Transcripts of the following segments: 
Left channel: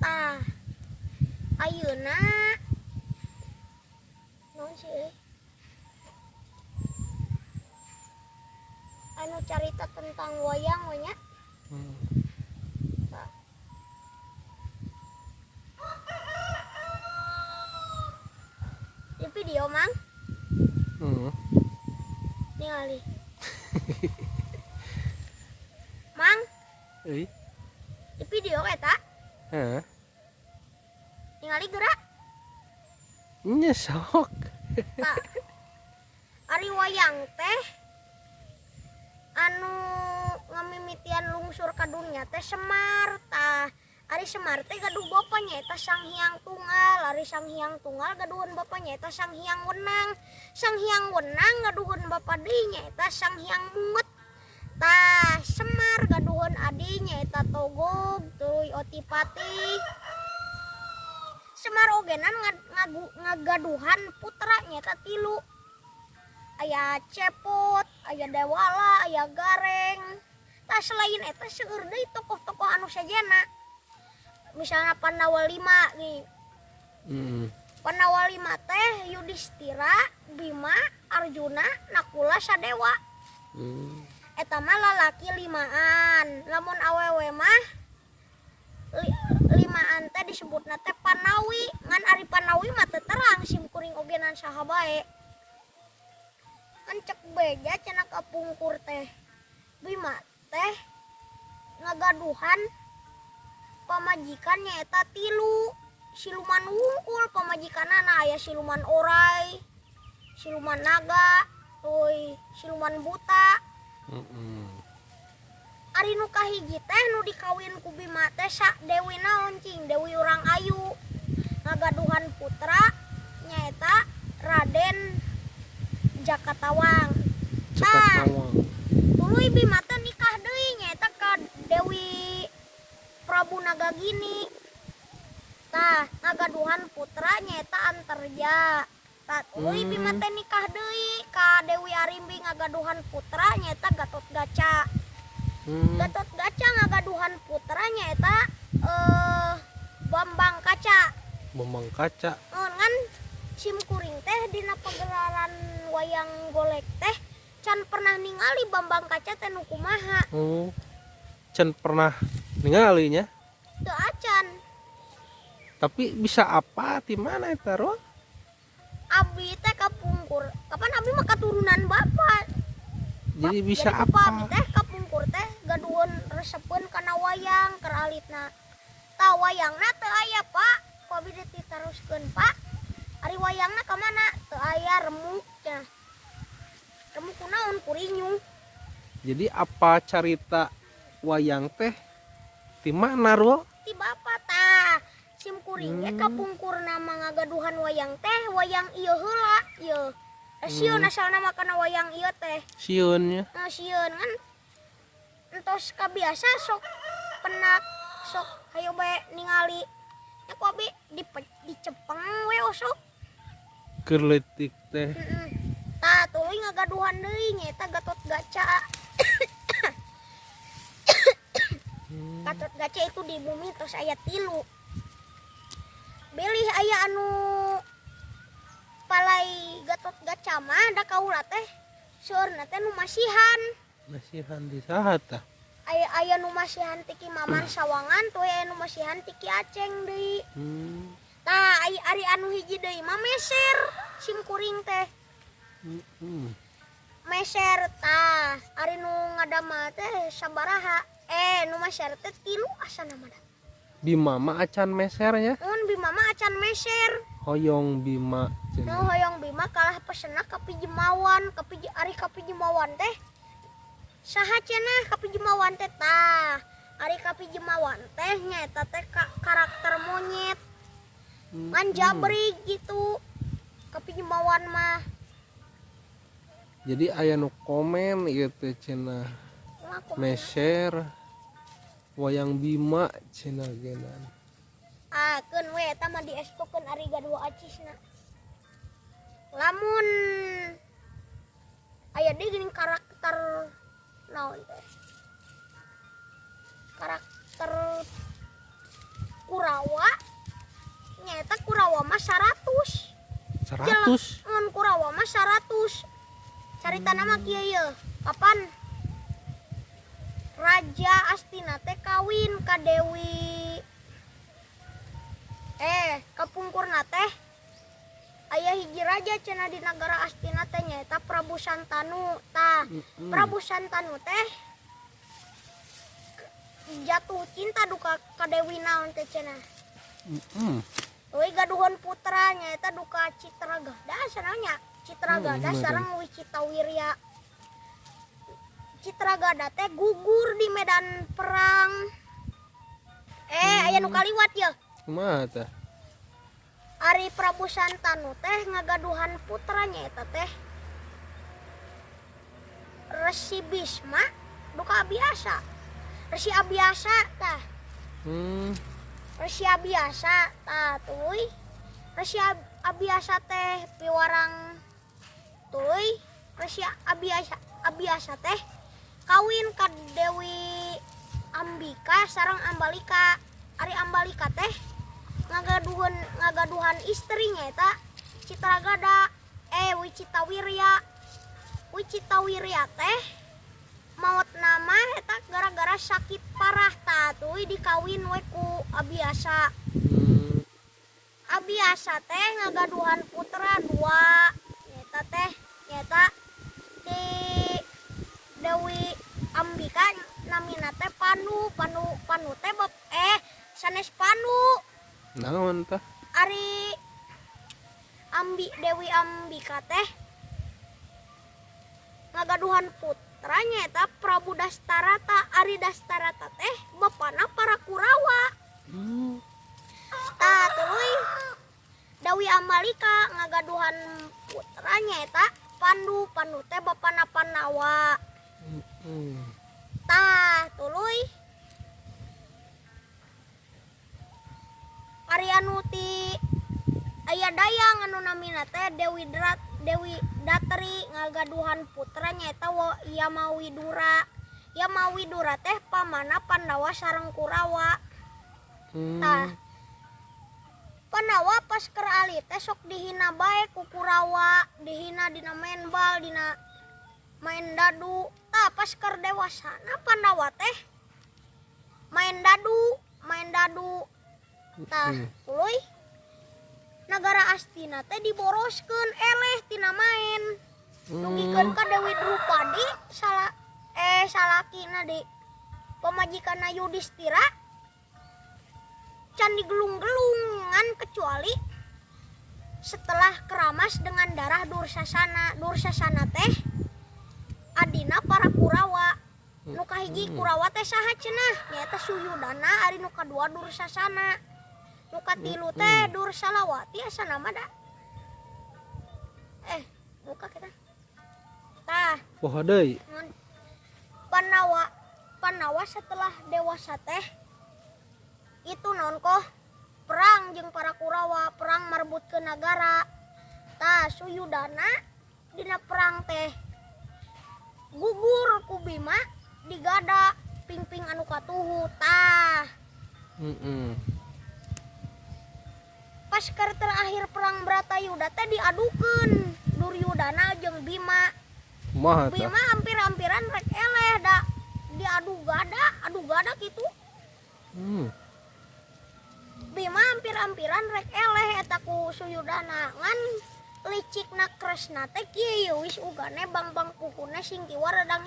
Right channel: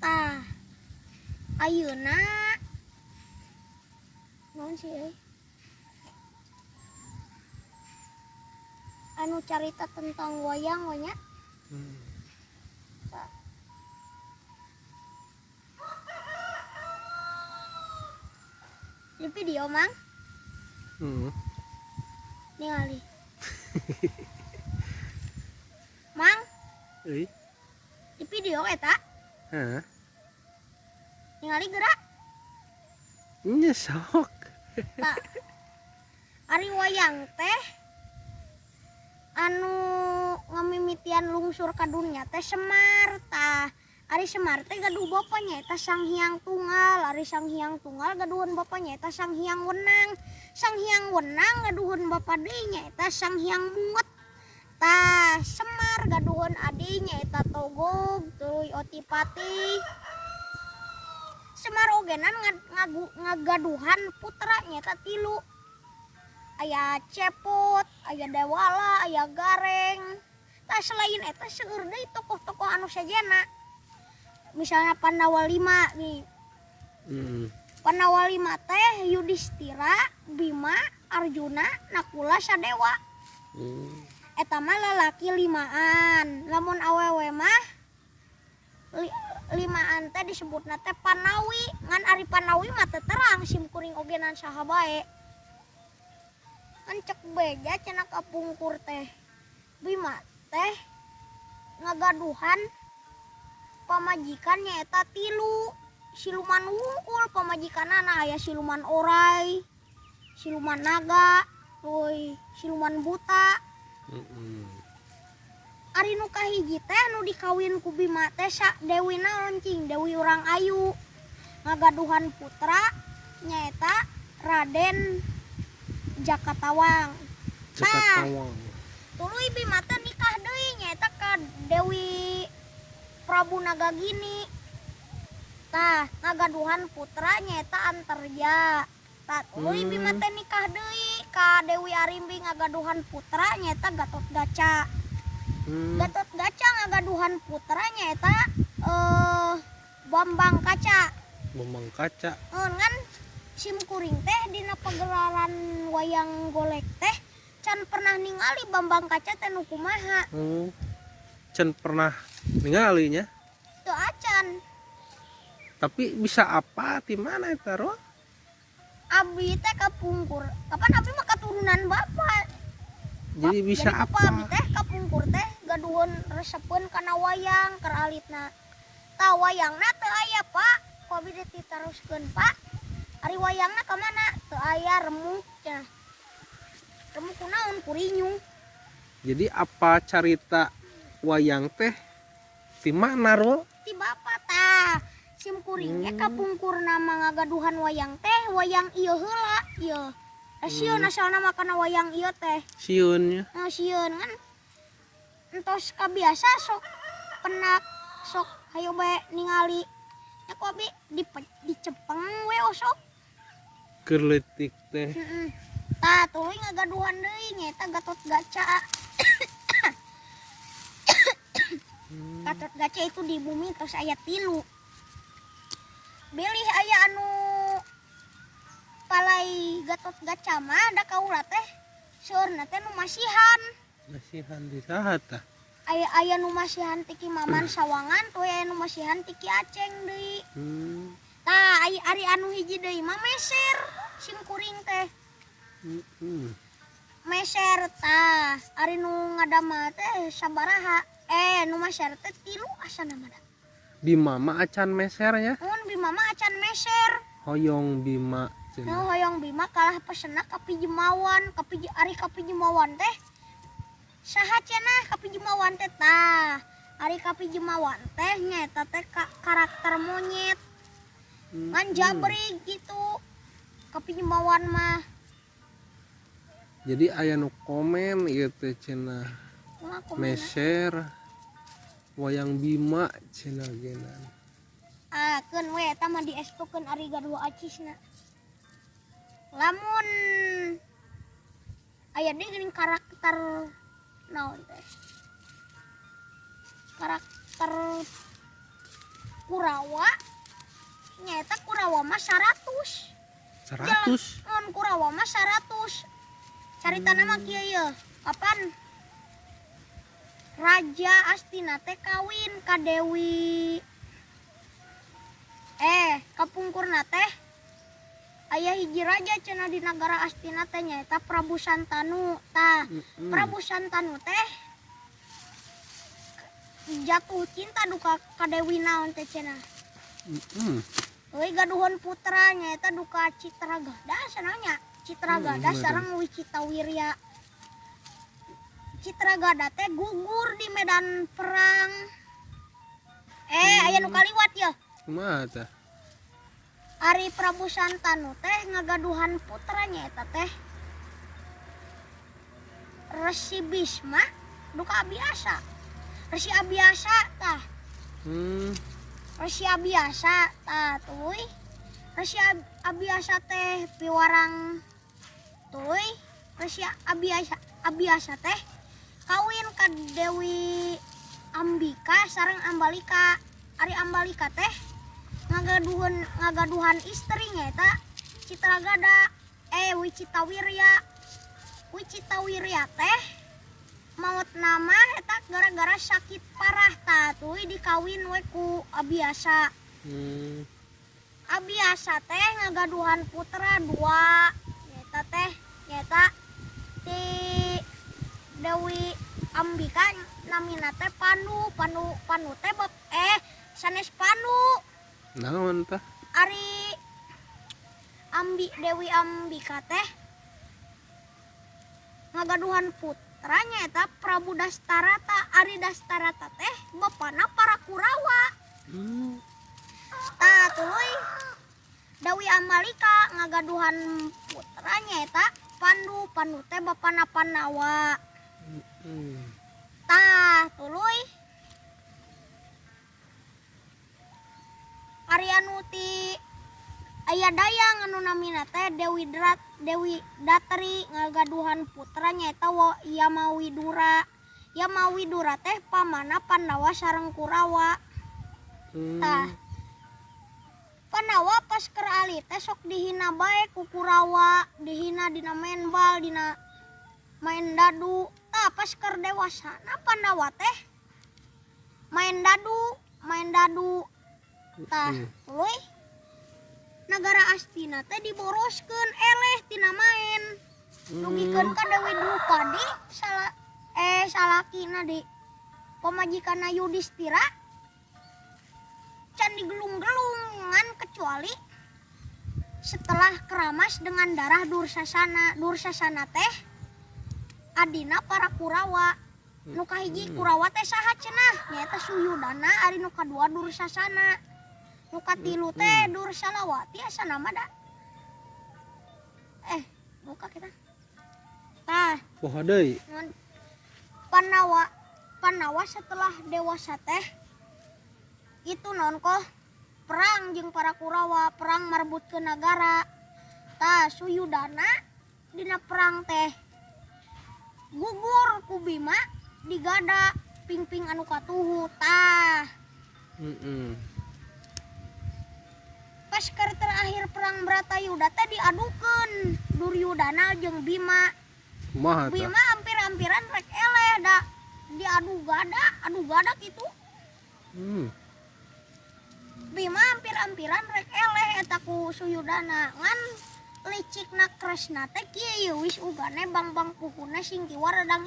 tah ayeuna naon sih anu carita tentang wayang we nya. Di video mang ningali mang euy di video eta heeh ningali gerak nya sok tak ari wayang teh anu ngamimitian lungsur ka dunya teh Semar tah. Ari Semar teh gaduh bapaknya eta Sang Hyang Tunggal. Ari Sang Hyang Tunggal gaduhun bapaknya eta Sang Hyang Wenang. Sang Hyang Wenang gaduhun bapa dinya eta Sang Hyang Bunget. Tah Semar gaduhun adinya eta Togog tuluy Otipati. Semar ogenan ngagaduhan putranya eta 3. Aya Cepot, aya Dewala, aya Gareng. Tah selain eta seueur deui tokoh-tokoh anu sajana. Misalnya Pandawa 5 nih. Pandawa 5 teh Yudhistira, Bima, Arjuna, Nakula, Sadewa. Eta mah lalaki 5an. Lamun awewe mah 5an teh disebutna teh Panawi. Ngan ari Panawi mah teu terang simkuring ogenan saha bae. Kan cek beja cenah kapungkur teh. Bima teh ngagaduhan pamajikannya eta 3. Siluman wungkul pamajikanana aya siluman orai, siluman naga, tuluy siluman buta. Ari nu kahiji teh nu dikawin ku Bima teh Dewi naon cing? Dewi Urang Ayu. Ngagaduhan putra nyaeta Raden Jakatawang. Jakatawang. Tuluy Bima teh nikah deui nyaeta ka Dewi Prabu Nagagini. Tah ngagaduhan putra nyaeta Antarja. Tah tuluy Bima teh nikah deui ka Dewi Arimbi ngagaduhan putra nyaeta Gatotkaca. Gatotkaca ngagaduhan putra nyaeta Bambang Kaca. Bambang Kaca. Ngan simkuring teh dina pagelaran wayang golek teh can pernah ningali Bambang Kaca teh nu kumaha. Can pernah ningalinya Teu acan. tapi bisa apa di mana eta ro? Abi teh kapungkur. Kapan abi mah katurunan bapak. Jadi bisa jadi apa? Abi teh kapungkur teh gaduhun resepeun kana wayang keur alitna. Tah wayangna teu aya, Pak. Ku abi teh ditaruskeun, Pak. Ari wayangna ka mana? Teu aya remuk teh. Remuk kunaon kurinyu. Jadi apa carita wayang teh di mana ro? Ti bapak tah. Simkuring ge kapungkur nama ngagaduhan wayang teh wayang ieu heula ieu. Sieun asalna mah kana wayang ieu teh. Sieunnya. Sieun kan entos kabiasa sok penak sok hayu bae ningali. Ya ku abi dicepeng we osok. Keur leutik teh. Tah tuluy ngagaduhan deui nyaeta Gatotkaca. Gatotkaca itu di bumi terus aya 3. Bilih aya anu palai Gatotkaca mah da kaula teh seueurna teh nu masihan. Masihan di saha tah? Aya nu masihan ti Ki Maman Sawangan tuh aya nu masihan ti Ki Aceng deui. Tah ari anu hiji deui mah meser simkuring teh. Meser tah ari nu ngadama teh sabaraha? Nu meser teh 3 asana mah. Bima mah acan mesernya. Mun Bima mah acan meser. Hoyong Bima cenah. Hoyong Bima kalah pesenna ka Pijimawan, ari ka Pijimawan teh saha cenah ka Pijimawan teh tah. Ari ka Pijimawan teh nyaeta teh karakter monyet. Ngan jabrig gitu. Ka Pijimawan mah. Jadi aya nu komen ieu teh cenah. Meser wayang Bima cenah genan. Keun we eta mah diestukeun ari gaduh acisna. Lamun aya deui geuning karakter naon teh? Karakter Kurawa nyaeta Kurawa mah 100. 100. Mun Kurawa mah 100. Carita nama kieu ye. Kapan Raja Astina teh kawin ka Dewi kapungkurna teh aya hiji raja cenah di nagara Astina teh nyaeta Prabu Santanu. Tah Prabu Santanu teh jatuh cinta duka ka Dewi naon teh cenah. Euy gaduhan putra nyaeta duka Citragada sananya. Citragada sareng Wicitawirya. Citragada teh gugur di medan perang. Aya nu kaliwat ye. Kumaha tah? Ari Prabu Santanu teh ngagaduhan putranya eta teh Resi Bisma duka Abiasa. Resi Abiasa tah. Resi Abiasa tah tuluy. Resi Abiasa teh piwarang tuluy. Resi Abiasa teh kawin ka Dewi Ambika sareng Ambalika. Ari Ambalika teh ngagaduhan istrinya eta Citragada Wicitawirya. Wicitawirya teh maot nama eta gara-gara sakit parah tah tuluy dikawin we ku Abiasa. Abiasa teh ngagaduhan putra 2 nyata teh nyata di Dewi Ambika namina teh Panu teh sanes Panu. Naon tah? Ari Dewi Ambika teh ngagaduhan putra nyata Prabu Dastarata. Ari Dastarata teh bapana para Kurawa. Tah tuluy Dewi Ambalika ngagaduhan putra nyata Pandu teh bapana Pandawa. Tah tuluy ari anu ti aya dayang anu namina teh Dewi Datri ngagaduhan putra nyaeta Yamawidura. Yamawidura teh pamana Pandawa sareng Kurawa. Tah Pandawa pas keur ali teh sok dihina bae ku Kurawa, dihina dina main bal, dina main dadu. Tah pas keur dewasana Pandawa teh main dadu. Tah tuluy nagara Astina teh diboroskeun eleh tina main. Dugikeun ka Dewi Drupadi salakina di pamajikanna Yudhistira can digelung-gelungan kecuali setelah keramas dengan darah Dursasana. Dursasana teh adina para Kurawa. Nu kahiji Kurawa teh saha cenah? Nyaeta Suyudana. Ari nu kadua Dursasana. Nu katilu teh Dursalawati asa nama da. Buka kita. Tah. Poha deui. Pandawa setelah dewasa teh itu nonkoh perang jeung para Kurawa, perang marbutkeun nagara. Tah Suyudana dina perang teh gugur ku Bima digada pingping anu katuhu. Tah pas keur terakhir perang Bratayuda teh diadukeun Duryudana jeung Bima. Kumaha tah? Bima hampir-hampiran rek eleh da diadu gada kitu. Bima hampir-hampiran rek eleh eta ku Suyudana. Ngan licikna Kresna teh kieu wis ugane bang-bang puhuna sing kiwa rada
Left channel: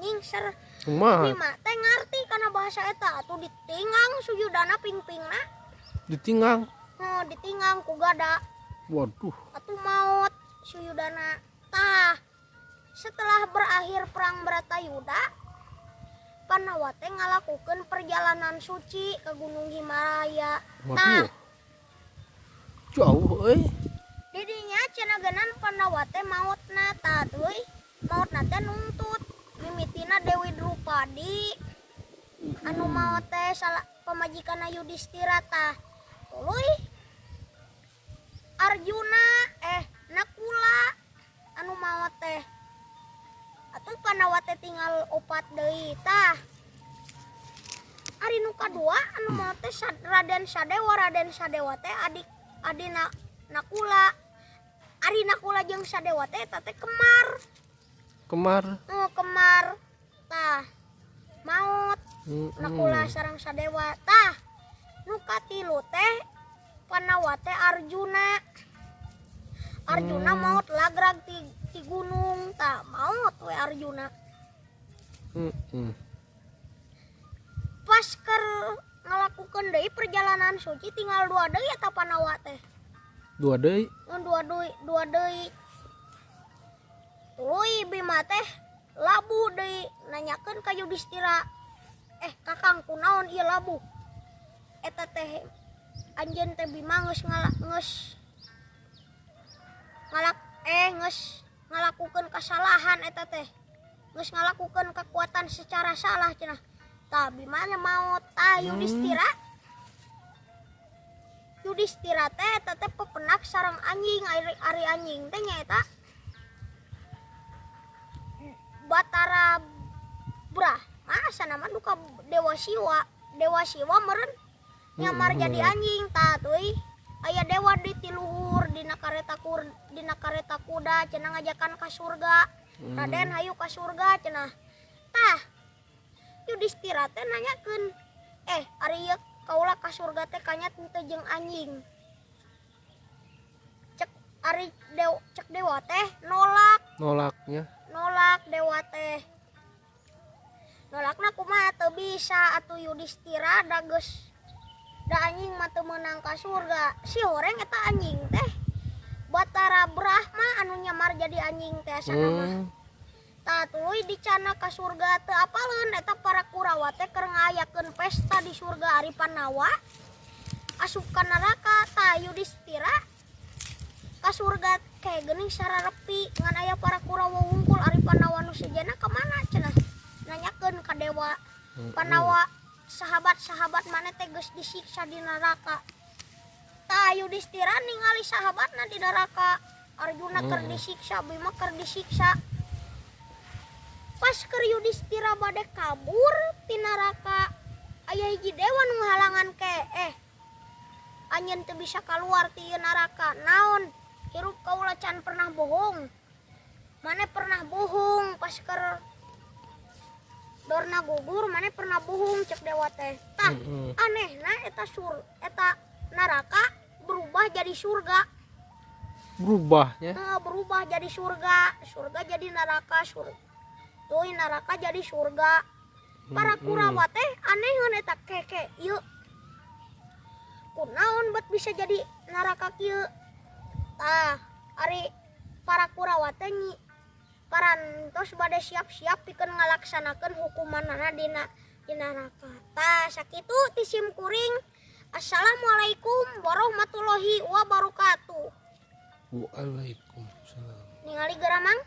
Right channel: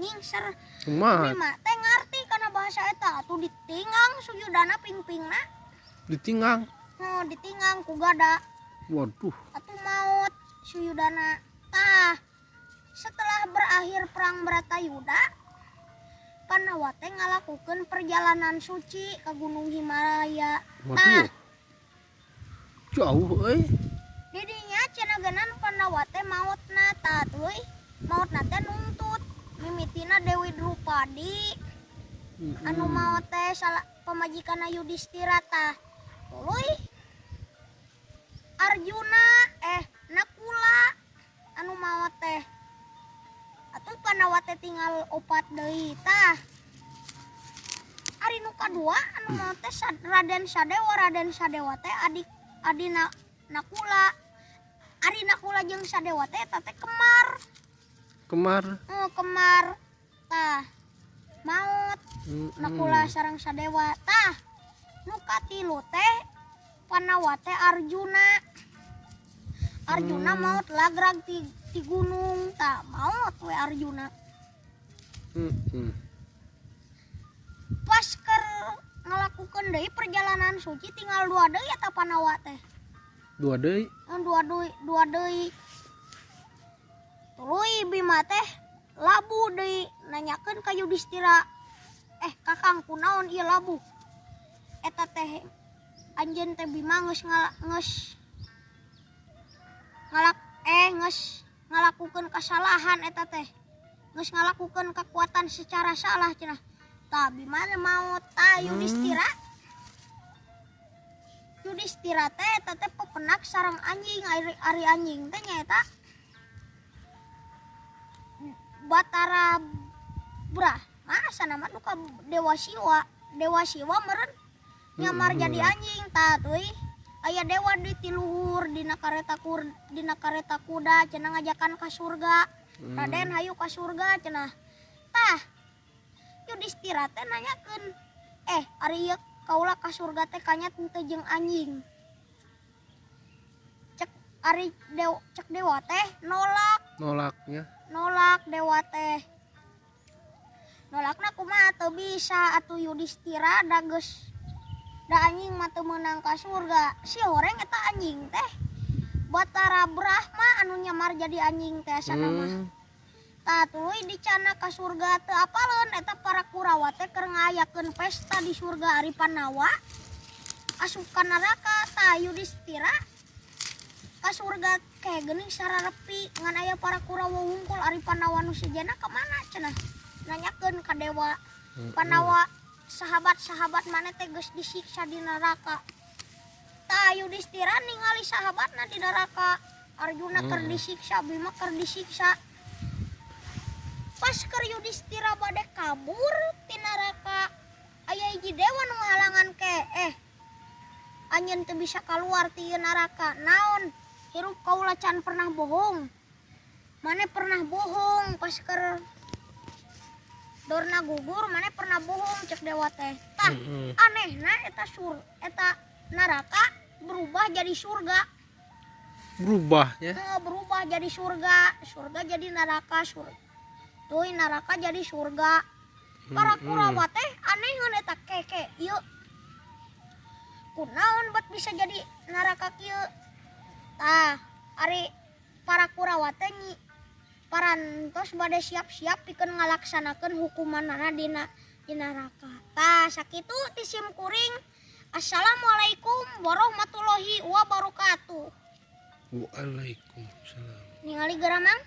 ngingser. Kumaha? Bima teh ngarti kana bahasa eta atuh ditinggang Suyudana pingpingna. Ditinggang? Ditinggang ku gada. Waduh. Atuh maot Suyudana. Tah setelah berakhir perang Bratayuda, Pandawa teh ngalakukeun perjalanan suci ke Gunung Himalaya. Waduh. Jauh euy. Didinya cenah Pandawa teh maotna tah tuluy. Maotna teh nuntut mimitina Dewi Drupadi. Anu maot teh pamajikanna Yudhistira tah. Tuluy Arjuna Nakula anu maot teh. Atuh Pandawa teh tinggal 4 deui tah. Ari nu kadua anu maot teh Raden Raden Sadewa teh adina Nakula. Ari Nakula jeung Sadewa teh eta teh kemar. Kemar tah maut Nakula sareng Sadewa tah nu katilu teh Panawa teh Arjuna maut lagrag ti gunung tah maut we Arjuna. Pas keur ngalakukeun deui perjalanan suci tinggal 2 deui eta Panawa teh. 2 deui. 2 deui. Tuluy Bima teh labu deui nanyakeun ka Yudhistira. Kakang kunaon ieu labu? Eta teh anjeun teh Bima geus ngalakukeun kasalahan eta teh. Geus ngalakukeun kekuatan secara salah cenah. Tah Bima maut tah Yudhistira teh eta teh pepenak sareng anjing ari anjing teh nyaeta Batara Brahma sanama duka Dewa Siwa meureun nyamar jadi anjing tah teuy aya dewa di tiluhur dina kareta kuda cenah ngajakan ka surga. Raden hayu ka surga cenah. Tah Yudhistira teh nanyakeun, ari ieu kaula ka surga teh kanyat teu jeung anjing. Cek dewa teh nolak dewa teh. Nolakna kumaha teu bisa atuh Yudhistira da anjing mah teu meunang ka surga. Si horeng eta anjing teh Batara Brahma anu nyamar jadi anjing teh asanana. Tah tuluy dicana ka surga teu apaleun eta para Kurawa teh keur ngayakeun pesta di surga ari Panawa asup ka neraka. Tah Yudhistira ka surga kayak geuning sararepi ngan aya para Kurawa ngumpul ari Panawa nu sejenna ka mana cenah. Nanyakeun ka dewa Panawa sahabat-sahabat mana teh geus disiksa di neraka. Tah Yudhistira ningali sahabatna di neraka. Arjuna keur disiksa, Bima keur disiksa. Pas keur Yudhistira bade kabur ti neraka aya hiji dewa nu ngahalangan ke anjeun teu bisa kaluar ti neraka. Naon? Hirup kaula can pernah bohong. Mane pernah bohong pas keur dorna gugur mane pernah bohong cek dewa teh. Tah anehna eta neraka berubah jadi surga. Berubah ya? Berubah jadi surga jadi neraka, Tuh neraka jadi surga. Para Kurawa teh anehun eta keke ieu. Kunaon bat bisa jadi neraka kieu? Tah ari para Kurawa teh parantos bade siap-siap pikeun ngalaksanakeun hukumanana di neraka. Tah sakitu ti sim kuring. Assalamualaikum warahmatullahi wabarakatuh. Waalaikumsalam. Ningali geramang